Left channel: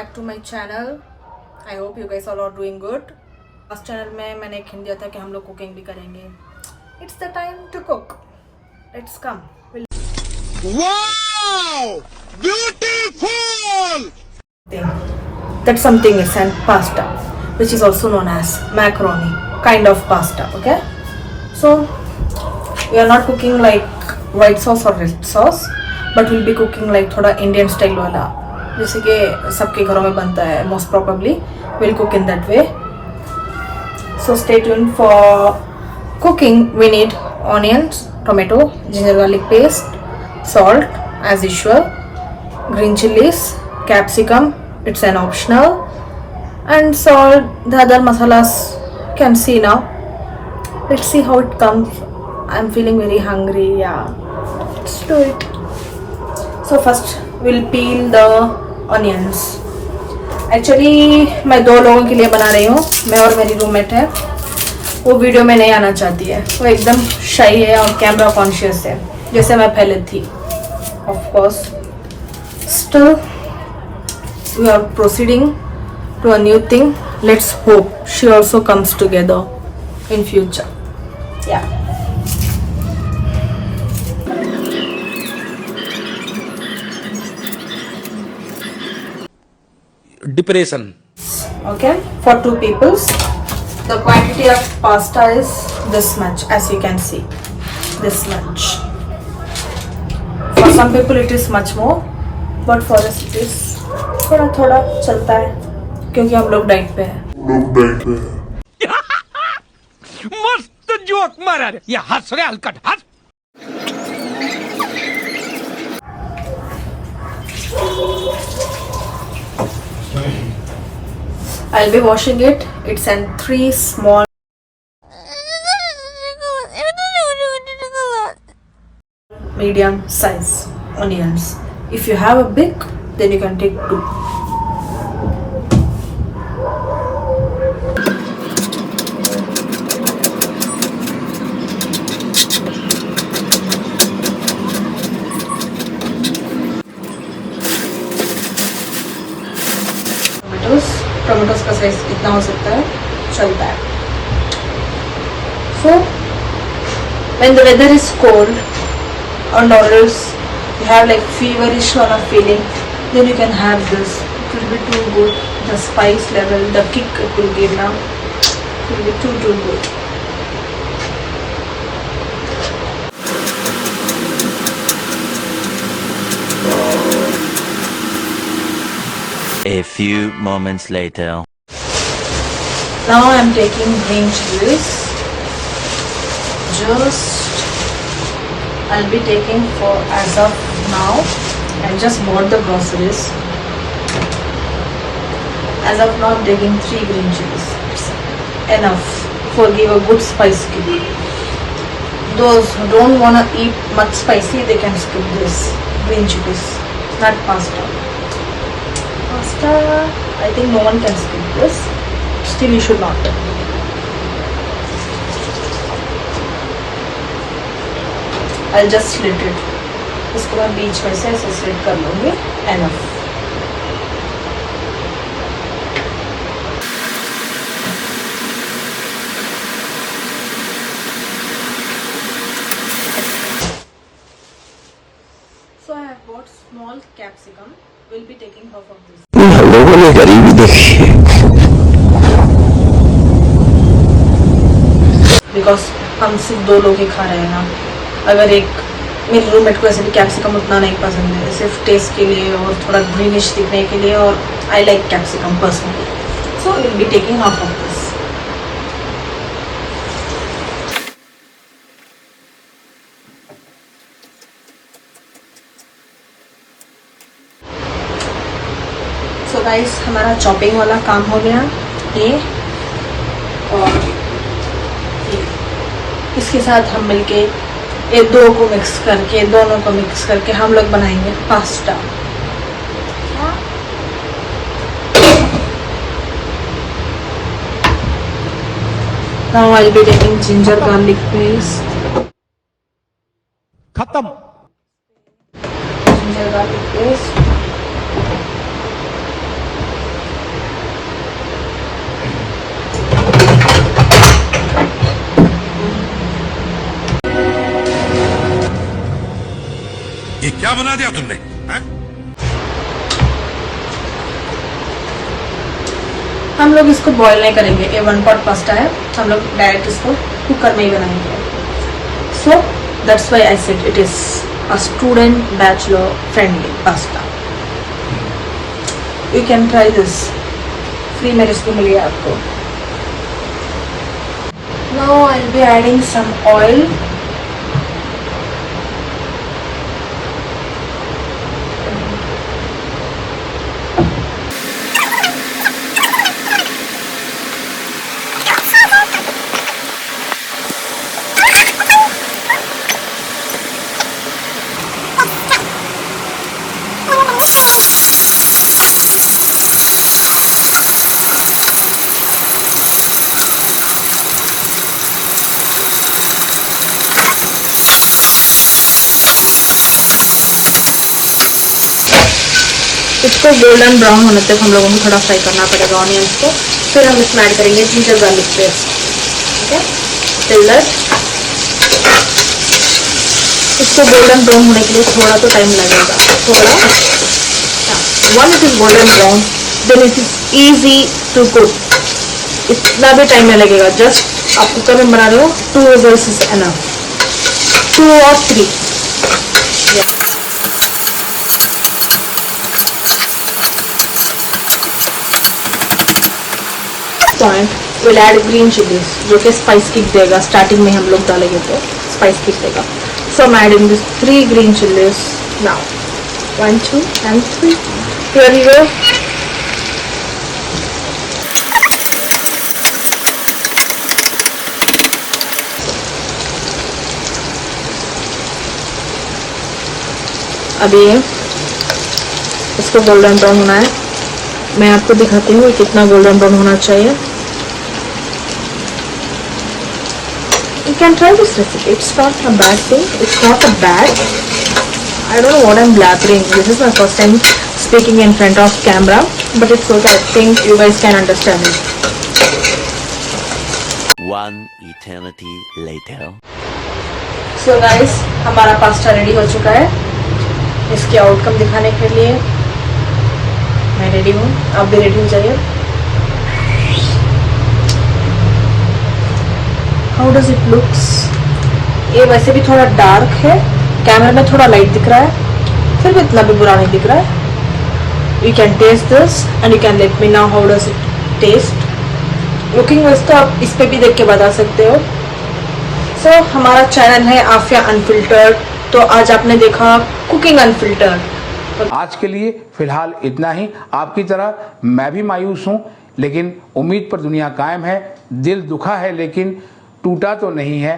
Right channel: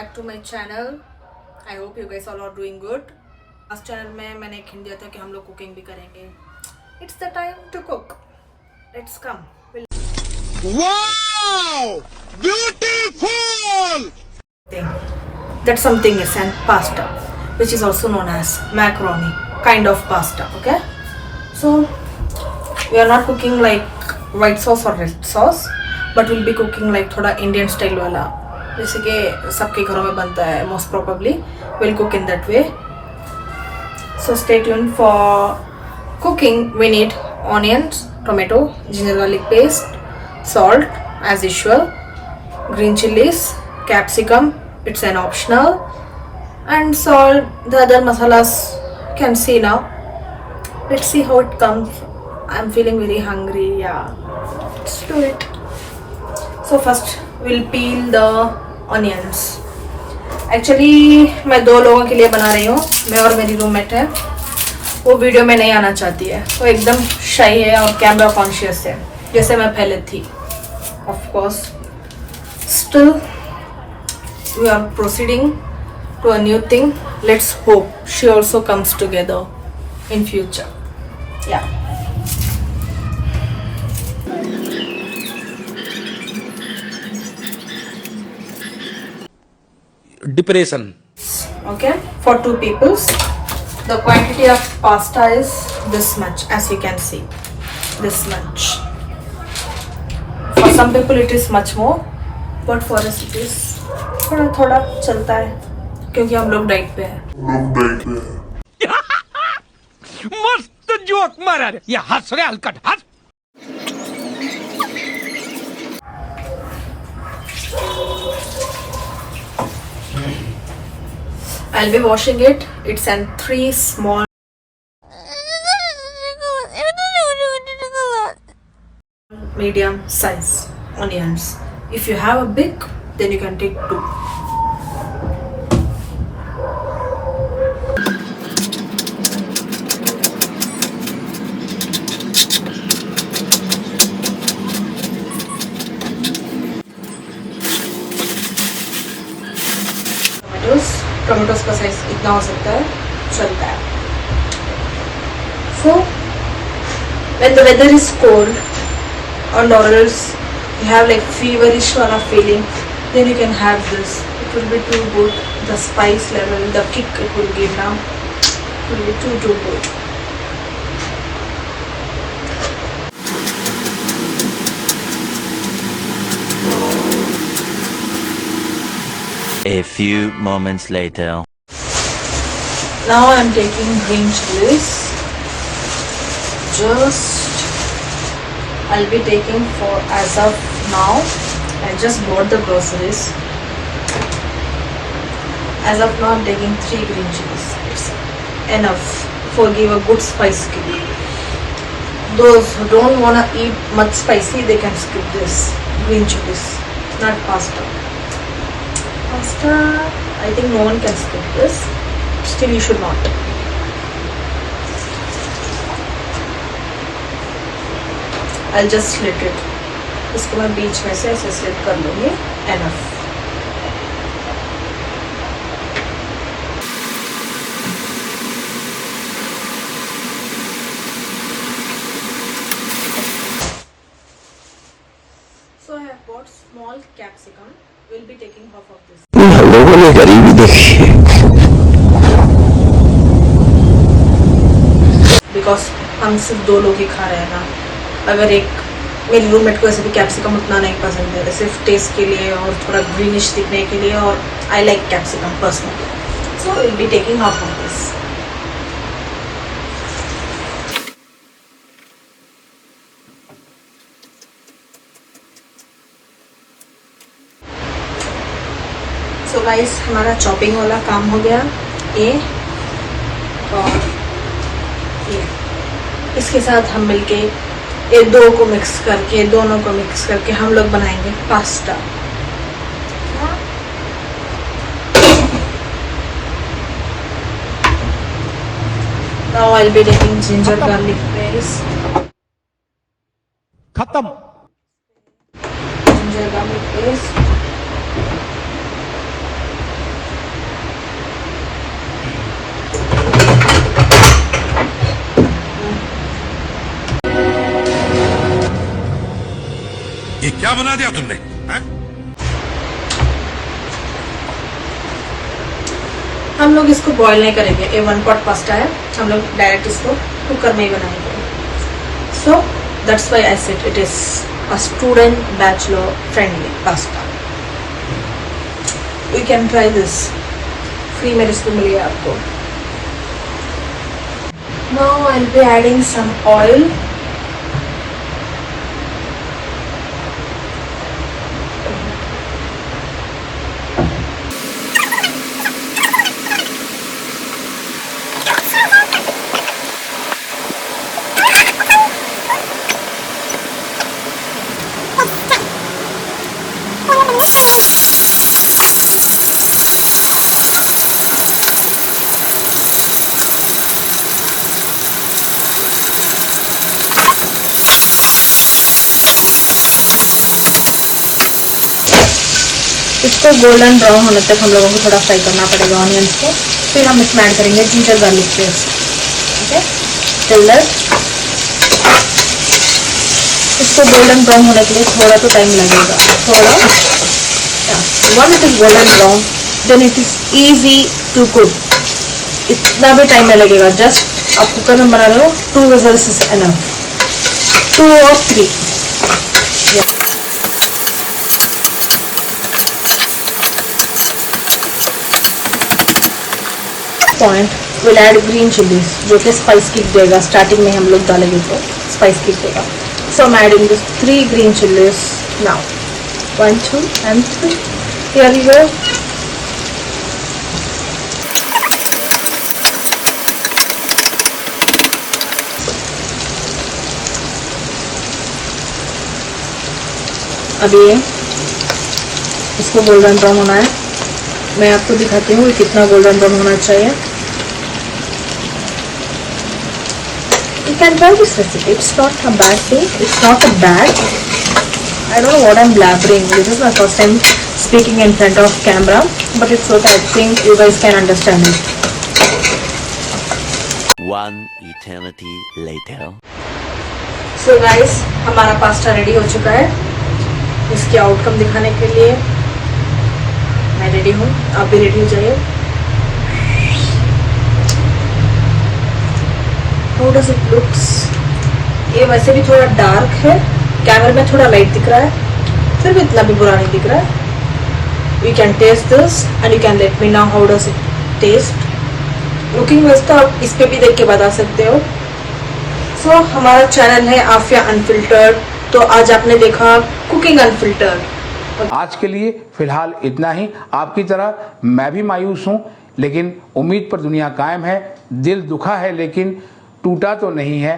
back to my channel. I hope you guys all are doing good. Last channel में मैंने एक हिंट दिया था कि हम लोग कुकिंग भी करेंगे. It's the time to cook. Let's come. Wow! Beautiful! That something is and pasta, which is also known as macaroni, kind of pasta. Okay. So we are not cooking like white sauce or red sauce, but we'll be cooking like थोड़ा Indian style वाला. जैसे कि सबके घरों में बनता है most probably we'll cook in that way. So stay tuned for cooking. We need onions, tomato, ginger garlic paste, salt as usual, green chilies, capsicum, it's an optional, and salt. The other masalas can see now. Let's see how it comes. I'm feeling very hungry. Yeah, let's do it. So first we'll peel the onions. Actually मैं 2 लोगों के लिए बना रही हूँ. मैं और मेरी रूममेट है. वो वीडियो में नहीं आना चाहती है. वो एकदम शाई है और कैमरा कॉन्शियस है जैसे मैं पहले थी. Of course still we are proceeding to a new thing. Let's hope she also comes together in future. या Depression. Okay, for 2 peoples the quantity of pasta is this much, as you can see, this much. For some people it is much more, but for us it is थोड़ा थोड़ा चलता है क्योंकि हम लोग डाइट पे हैं. मस्त जोक मारा रे. ये हंस रे हलकट हंस. I'll be washing it. It's in 3 small medium size onions. If you have a big, then you can take 2. टोमेटोज का साइज कितना हो सकता है चलता है. So when the weather is cold and or else you have like feverish sort of feeling, then you can have this. It will be too good. The spice level, the kick it will give now, it will be too good. A few moments later. Now I am taking green chilies. Just I'll be taking for as of now. I just bought the groceries. As of now, I'm taking 3 green chilies. It's enough for give a good spice kick. Those who don't wanna eat much spicy, they can skip this green chilies, not pasta. Pasta, I think no one can skip this. Still, you should not. I'll just slit it. इसको मैं बीच में से ऐसे स्लिट कर लूँगी. Enough. So I have bought small capsicum. We'll be taking half of this. लोगों ने गरीबी देखी है. बिकॉज हम सिर्फ 2 लोग ही खा रहे हैं ना. अगर एक मेरी रूममेट को ऐसे भी कैप्सिकम उतना नहीं पसंद है, सिर्फ टेस्ट के लिए और थोड़ा ग्रीनिश दिखने के लिए, और I like capsicum personally. So will be taking half of this. So guys, हमारा चॉपिंग वाला काम हो गया. ये और ये इसके साथ हम मिलके ये 2 को मिक्स करके, दोनों को मिक्स करके हम लोग बनाएंगे pasta. Now I'll be taking ginger garlic paste. खत्म. Ginger garlic paste. क्या बना दिया तुमने हैं? हम लोग इसको बॉईल नहीं करेंगे, ये 1 pot पास्ता है, हम लोग डायरेक्ट इसको कुकर में ही बनाएंगे. So that's why I said it is a student bachelor friendly pasta. You can try this, free में रेसिपी मिली है आपको. Now I will be adding some oil. इसको गोल्डन ब्राउन होने तक हम लोगों को थोड़ा फ्राई करना पड़ेगा ऑनियंस को. फिर हम इसमें ऐड करेंगे जिंजर गार्लिक पेस्ट. ठीक है, टिल दैट इसको गोल्डन ब्राउन होने के लिए थोड़ा तो टाइम लगेगा. थोड़ा once it is golden brown then it is easy to cook. इतना भी टाइम नहीं लगेगा. जस्ट आप कुकर में बना रहे हो, 2 whistles is enough, 2 or 3. Point will add green chilli जो कि स्पाइस किक देगा. स्टार्टिंग में हम लोग डालेंगे तो स्पाइस किक देगा. So I am adding 3 green chillies now. 1 2 and 3. Here you go. अभी इसको गोल्डन ब्राउन होना है. मैं आपको दिखाती हूँ कितना गोल्डन ब्राउन होना चाहिए. You can try this recipe. It's not a bad thing. It's not a bad. I don't know what I'm blabbering. This is my first time speaking in front of camera, but it's okay. I think you guys can understand it. One eternity later. So guys, हमारा pasta ready हो चुका है. इसकी आउटकम दिखाने के लिए मैं रेडी हूँ, आप भी रेडी हो जाइए. How does it looks. ये वैसे भी थोड़ा डार्क है, कैमरे में थोड़ा लाइट दिख रहा है, फिर भी इतना भी बुरा नहीं दिख रहा है. You can taste this and you can let me know how does it taste. Cooking तो आप इस पे भी देख के बता सकते हो. सो हमारा चैनल है आफिया अनफिल्टर्ड. तो आज आपने देखा कुकिंग अनफिल्टर्ड. आज के लिए फिलहाल इतना ही. आपकी तरह मैं भी मायूस हूं, लेकिन उम्मीद पर दुनिया कायम है. दिल दुखा है लेकिन टूटा तो नहीं है.